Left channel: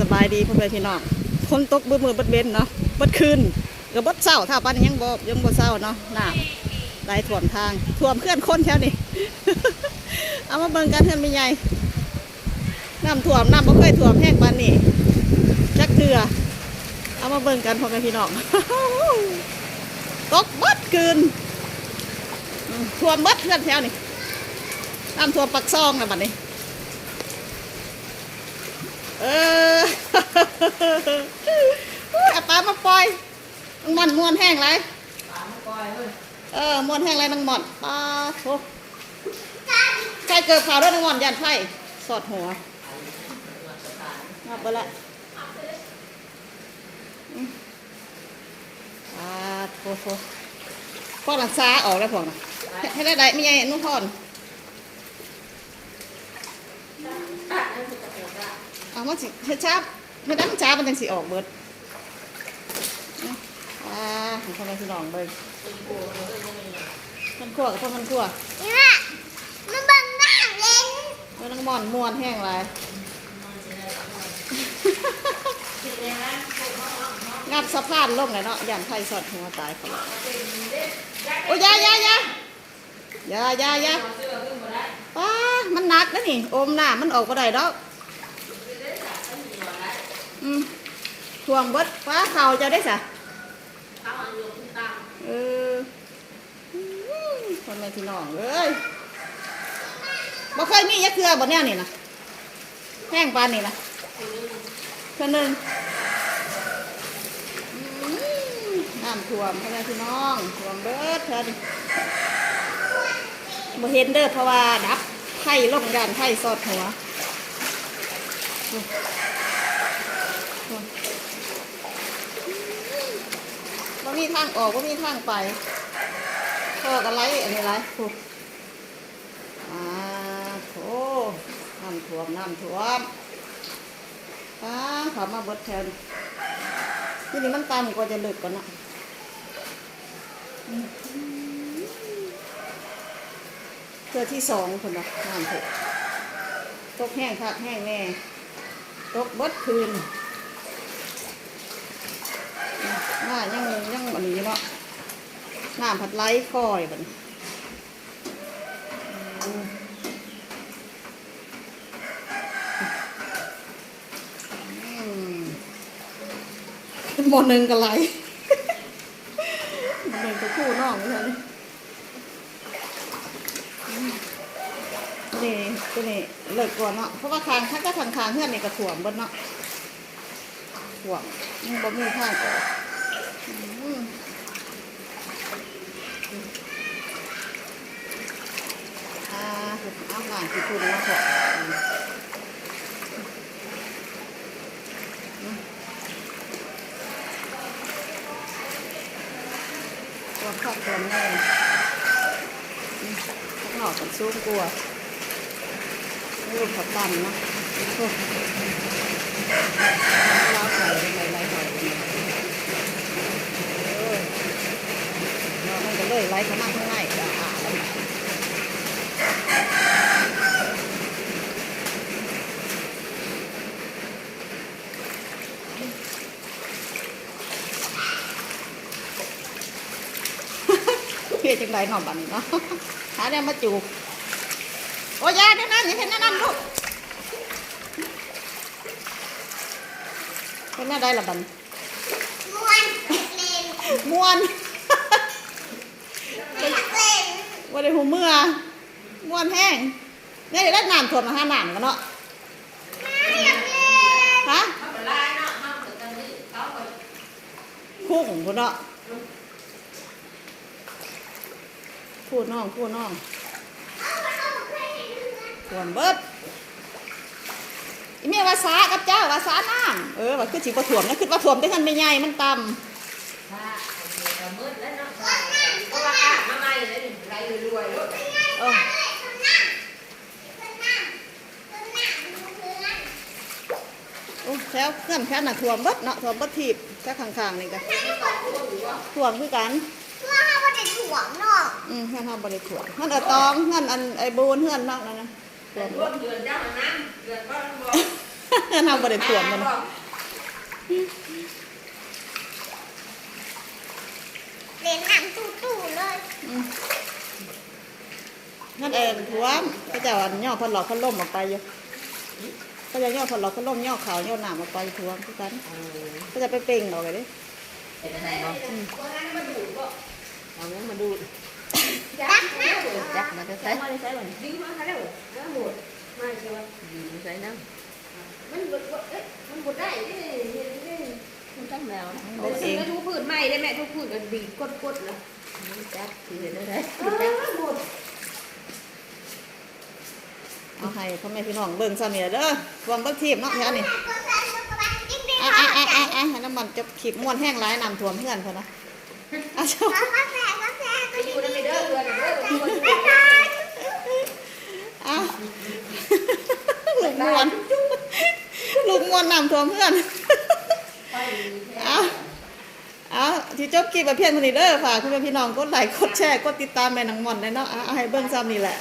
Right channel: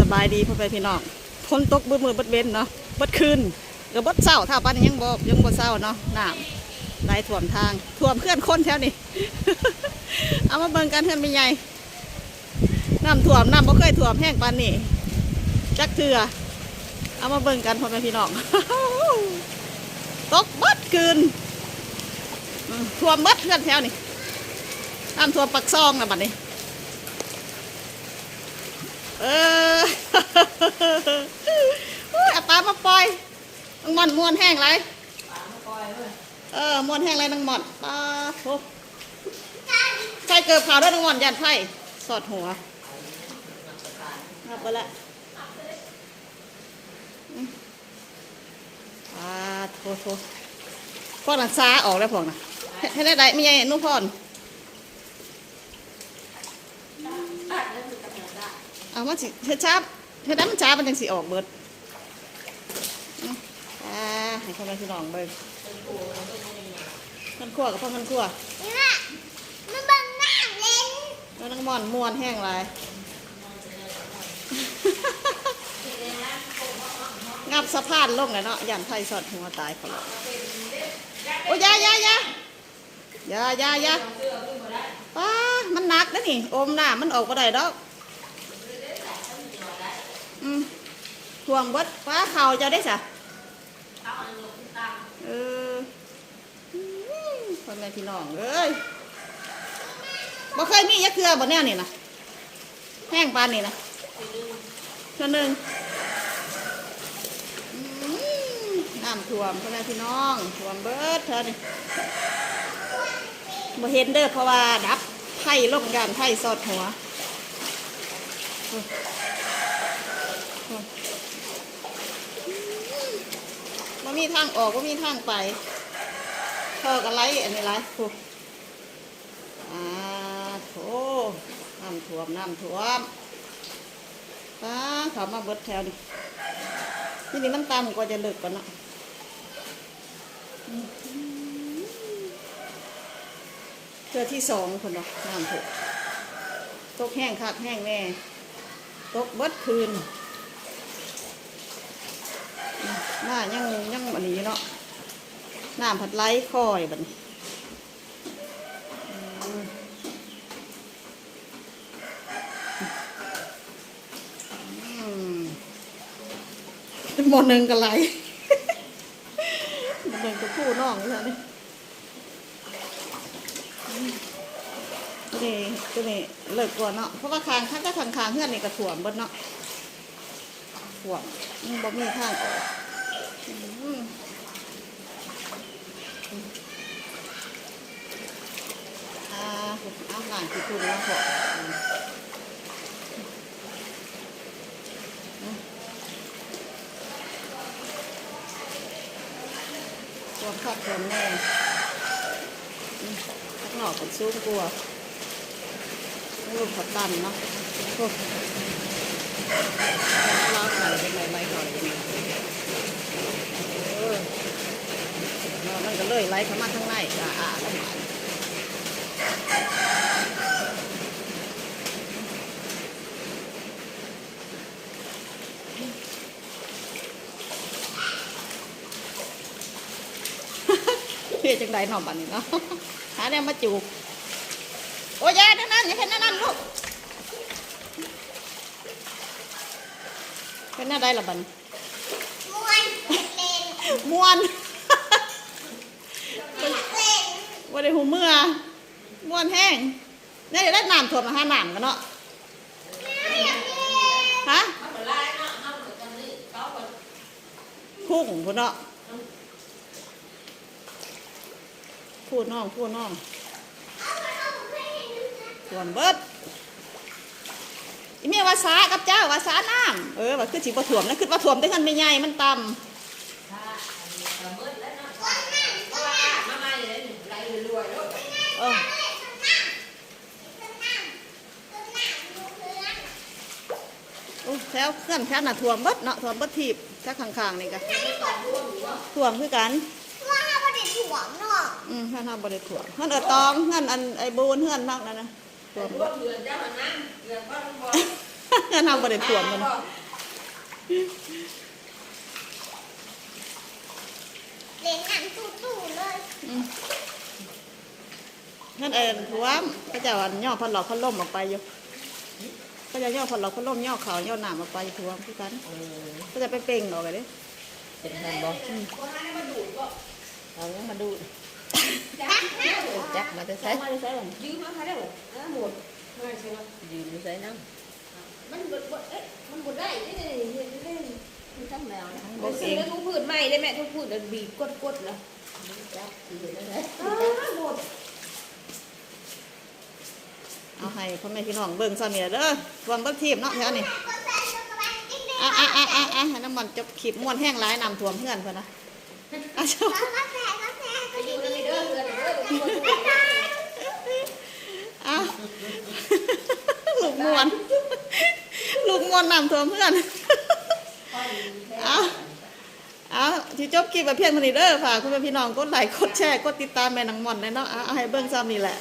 สบายดีพ่อแม่พี่น้องฝนตกบิดมือบดเบนเนาะบดคืนก็เบิดเศร้าถ้าปันยังบ่ยังบ่เศร้าเนาะน้ำไหลท่วมทางท่วมเคลื่อนคนแถวนี้เอามาเบิ่งกันเพื่อนไม่ใหญ่น้ำท่วมน้ำบ่เคยท่วมแห้งปานนี้จักเถื่อเอามาเบิ่งกันพ่อแม่พี่น้องตกบดคืนอืมท่วมเบิดเพื่อนแถวนี้น้ำท่วมปักซองนะบัดนี้ เอออุ้ยเอาปลามาปล่อยนังหมอนมวนแห้งไรเออมวนแห้งไรนังหมอนปลาโถใส่เกิดข่าวด้วยนังหมอนยันไพ่สอดหัวงับไปละอืมปลาโถโถพวกหลังซาออกแล้วพวกนะให้ได้ได้ม่ใช่นุ่งพ รอะมันสิเฮ็ดช้าเฮ็ดน้ำช้ามันจังสิออกเบิดนะอ่าให้คนมาพี่น้องเบิ่งมันคั่วกับพ่อมันคั่วนี่แม่มันบังหน้าเล่นแล้วนังหมอนม่วนแห้งไรงับสะพานลงเลยเนาะยันไฟสอดหัวตายเขาเลยโอ้ยอยาอยาอยาอยาอยาอยาป้ามันหนักนะนี่ อมหน้ามันออกก็ได้ดอก อืมทวงเบดป้าเข่าเจะได้สะเอออืมพ่อแม่พี่น้องเอ้ยบ่เคยมียักเกลือบ่แนวนี่นะแห้งปานนี่นะเท่านึงน้ำท่วมพ่อแม่พี่น้องท่วมเบิดเถินบ่เห็นเด้อเพราะว่าดับไผ่ล่มยานไผ่สอดหัวโอ้โอ้ บ่มีทางออกบ่มีทางไปพ่อกันไรอันนี้ไรโอ้อ่าโถน้ำท่วมน้ำท่วมป้าขอมาบดแถวนี่นี้มันตามก็จะเลิกก่อนนะเพื่อที่สองคนเนาะน้ำเถอะตกแห้งคักแห้งแน่ตกบดคืน ว่ายังยังอันนี้เนาะน้ำผัดไล่คอยบัดนอืมอืมหมดหนึ่งกันไรมดหนึ่งกับคู่น้องนี่นี่นี่ก็นี่เลิกก่อนเนาะ เพราะว่าคางถ้าก็ทางคางเพื่อนนี่กระถ่วมบดเนาะถ่วมมันบ่มีท่างออกอืมอ่า เอาหลานกี่คุณนะพ่อตัวครอบตัวแม่ข้างนอกกันซูมกลัวรูปผัดตันเนาะโอ้ลาวไข่เป็นไรไรหอยเป็นไรเออเรา มันก็เลยเข้ามาข้างในก็อ่าแล้วเฮ็ดจังไดหน่อบัดนี้เนาะหาเนี่ยมาจูบโอ้ยอยาแน่นั่นอย่าเห็นแน่นนั่นลูกเป็นหน้าได้ละบัดนี้ม้วนเล่นม่วน อยากเล่น ว่า ได้หูเมื่อม่วนแห้งเนี่ยเดี๋ยวได้น้ำท่มมาห้าน้ำกันเนาะฮะคู่ของคุณเนาะพูดน้องพูดน้องท่วมเบิดอีเมียว่าสากับเจ้าวาสาน้ำเออว่าคือสิบ่ท่วมนะคือว่าท่วมได้กันไม่ใหญ่มันต่ำเออ โอ้ แล้วเคลื่อนแค่น่ะถ่วมเบิดเนาะถ่วมเบิดทีบแค่ข้างๆนี่ก็ถ่วมคือกันว่าให้มันจะถ่วงเนาะอืมเฮือนเฮาบ่ได้ถ่วมเฮือนเอาตองเฮือนอันไอ้บูนเฮือนบ้างนั่นนะถ่วมเบิดเฮาบ่ได้ท่วมมันเล่นน้ำตู้ๆเลยนั่นเองท่วมก็จะว่าย่อพันหลอกพันล่มออกไปอยู่ ก็จะย่อพันหลอกพันล่มย่อขาวย่อหนามออกไปท่วมคือกันก็จะไปเป่งออกไปเด้เอาเนี้ยมาดูจักนะจักมาจะใส่มาได้ใส่บ่ยืมมาค่ะเด้อแล้วหมดไม่ใช่ว่ายืมใส่นั่งมันบดบดเอ้ยมันบดได้เด้เฮ็ดได้มันตั้งแล้วบกเองแล้วทุกผืนใหม่ได้แม่ทุกผืนอันบีบกดๆแล้ว จักทีเดียวได้ หมด เอาให้ พ่อแม่พี่น้องเบิ่งซะเนี่ยเด้อท่วมเบิ่งทีมเนาะแถวนี้อะอะอะอะอะให้น้ำมันจะขีบม้วนแห้งหลายน้ำท่วมเพื่อนเพิ่นนะอะชอบก็แฟนก็แฟนก็อจิ๊ยู่กนั่นจิ๊กเด้อเพื่อนเด้อทุกคนบ๊ายบายอะลูกม้วนลูกม้วนน้ำท่วมเพื่อนเอาเอาที่จบคลิปแบบเพียงเท่านี้เด้อฝากคุณแม่พี่น้องกดไลค์กดแชร์กดติดตามแม่นางม่อนได้เนาะเอาเอาให้เบิ่งซ้ำนี่แหละ